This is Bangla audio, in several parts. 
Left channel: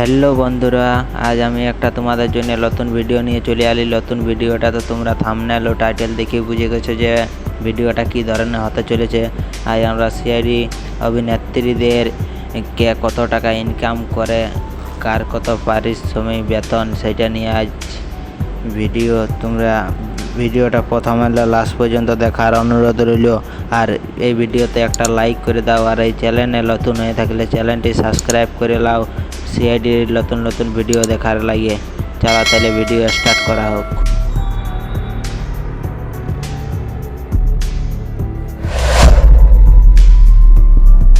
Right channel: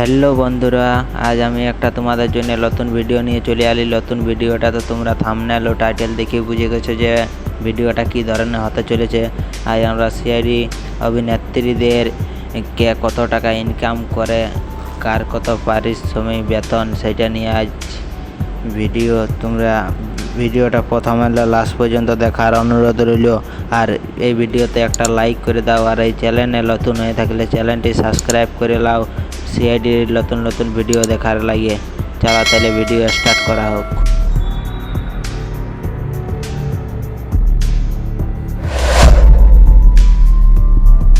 হ্যালো বন্ধুরা, আজ আমি একটা তোমাদের জন্য নতুন ভিডিও নিয়ে চলে এলি। নতুন ভিডিওটা তো তোমরা থাম্বনেল ও টাইটেল দেখে বুঝে গেছো যে ভিডিওটা কী ধরনের হতে চলেছে। আজ আমরা সিআইডি অভিনেত্রীদের কে কত টাকা ইনকাম করে, কার কত পারিশ্রমিক বেতন, সেটা নিয়ে আজ ভিডিও। তোমরা ভিডিওটা প্রথমে লাস্ট পর্যন্ত দেখার অনুরোধ রইল। আর এই ভিডিওতে একটা লাইক করে দাও, আর এই চ্যানেলে নতুন হয়ে থাকলে চ্যানেলটি সাবস্ক্রাইব করে নাও সিআইডির নতুন নতুন ভিডিও দেখার লাগে। চলো তাহলে ভিডিও স্টার্ট করা হোক।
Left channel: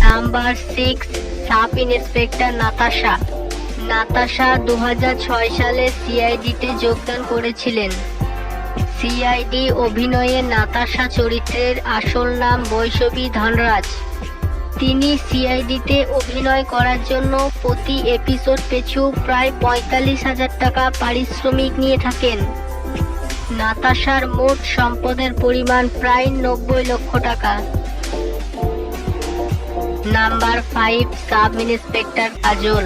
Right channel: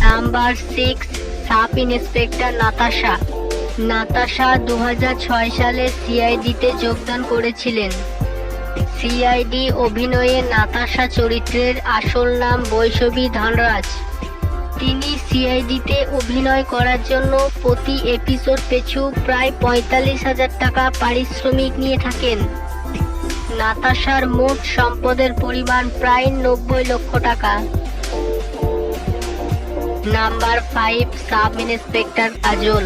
নাম্বার 6, সাব ইন্সপেক্টর নাতাশা 2006 সালে সিআইডিতে যোগদান করেছিলেন। সিআইডি অভিনয়ে নাতাশা চরিত্রের আসল নাম বৈষ্ণবী ধনরাজ। তিনি সিআইডিতে অভিনয় করার জন্য প্রতি এপিসোড পিছু প্রায় 45,000 টাকা পারিশ্রমিক নিয়ে থাকেন। নাতাশার মোট সম্পদের পরিমাণ প্রায় 90 লক্ষ টাকা। নাম্বার 5, সাব ইন্সপেক্টর কাজল।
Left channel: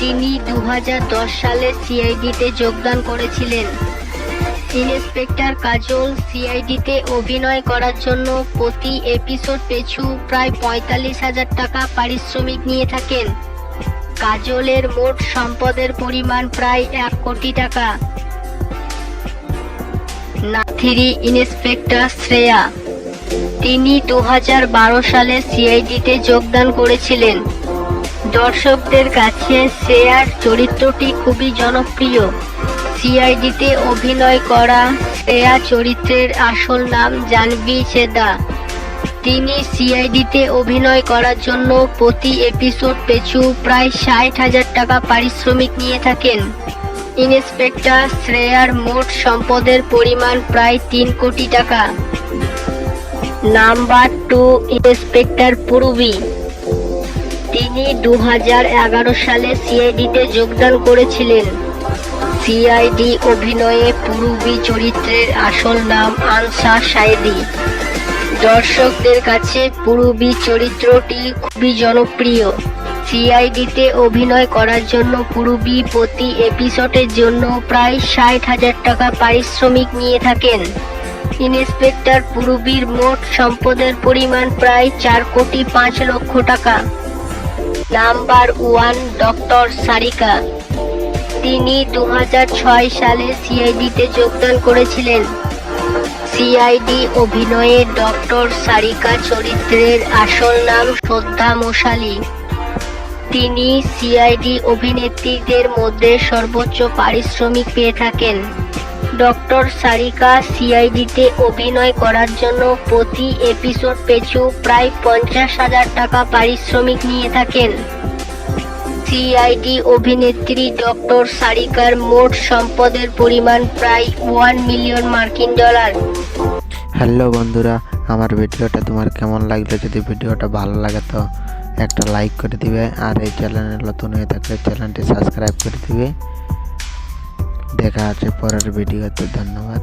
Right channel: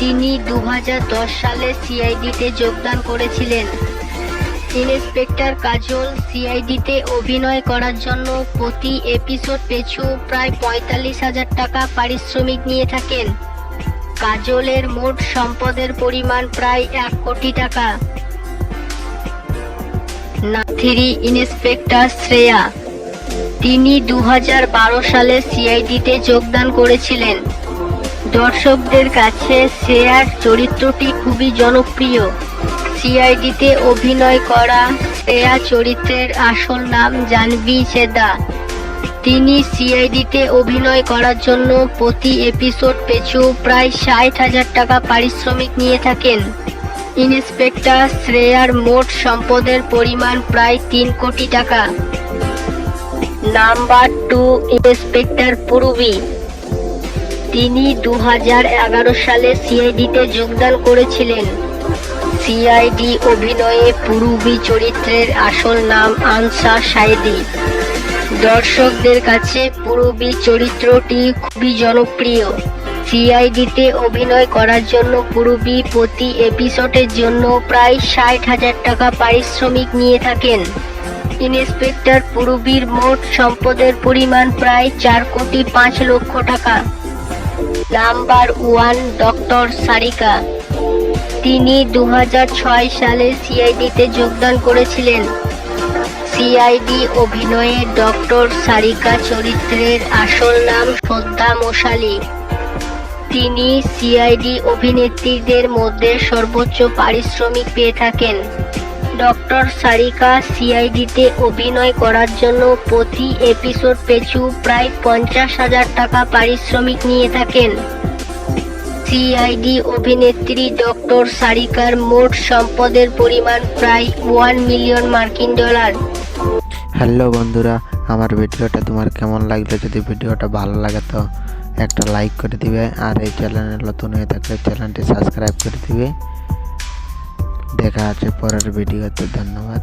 তিনি 2010 সালে সিআইডিতে যোগদান করেছিলেন। ইন্সপেক্টর কাজল সিআইডিতে অভিনয় করার জন্য প্রতি এপিসোড পিছু প্রায় 45,000 টাকা পারিশ্রমিক নিয়ে থাকেন। কাজলের মোট সম্পদের পরিমাণ প্রায় 1 কোটি টাকা। 3, ইন্সপেক্টর শ্রেয়া। তিনি 2012 সালে সিআইডিতে যোগদান করেছিলেন। দর্শকদের কাছে শ্রেয়ার চরিত্রটি খুবই জনপ্রিয়। সিআইডিতে অভিনয় করা শ্রেয়া চরিত্রের আসল নাম জাহ্নবী চেদা। তিনি সিআইডিতে অভিনয় করার জন্য প্রতি এপিসোড পিছু প্রায় 60,000 টাকা পারিশ্রমিক নিয়ে থাকেন। ইন্সপেক্টর শ্রেয়ার মোট সম্পদের পরিমাণ প্রায় 3 কোটি টাকা। Number 2, inspector Purabi. তিনি 2011 সালে সিআইডিতে যোগদান করেছিলেন। সিআইডি অভিনয়ে পূরবী চরিত্রের আসল নাম আনসা সাইদি। দর্শকদের কাছে পূরবী চরিত্রটি খুবই জনপ্রিয়। সিআইডিতে অভিনয় করার জন্য পূরবী প্রতি এপিসোডের জন্য প্রায় 60,000 টাকা পারিশ্রমিক নিয়ে থাকেন। ইন্সপেক্টর পূরবীর মোট সম্পদের পরিমাণ প্রায় 4,05 লক্ষ টাকা। Number 1, doctor Sarika. তিনি 2006 সালে সিআইডিতে যোগদান করেছিলেন। সিআইডি অভিনয়ে ডক্টর সারিকা চরিত্রের আসল নাম শ্রদ্ধা মশালী। তিনি সিআইডি অভিনেত্রীদের মধ্যে সর্বোচ্চ পারিশ্রমিক পেয়ে থাকেন। ডক্টর সারিকা সিআইডিতে অভিনয় করার জন্য প্রতি এপিসোড পিছু প্রায় 50,000 টাকা পারিশ্রমিক নিয়ে থাকেন। সিআইডি অভিনেত্রী ডক্টর সারিকার মোট সম্পদের পরিমাণ প্রায় $1 মিলিয়ন। হ্যালো বন্ধুরা, আমার ভিডিওটা তোমার কেমন লাগলো? যদি ভিডিওটা ভালো লাগে তো একটা লাইক করে দিবে, আর এই চ্যানেলে নতুন হয়ে থাকলে চ্যানেলটি সাবস্ক্রাইব করে দিবে। দেখা আছে পরের ভিডিওতে। ধন্যবাদ।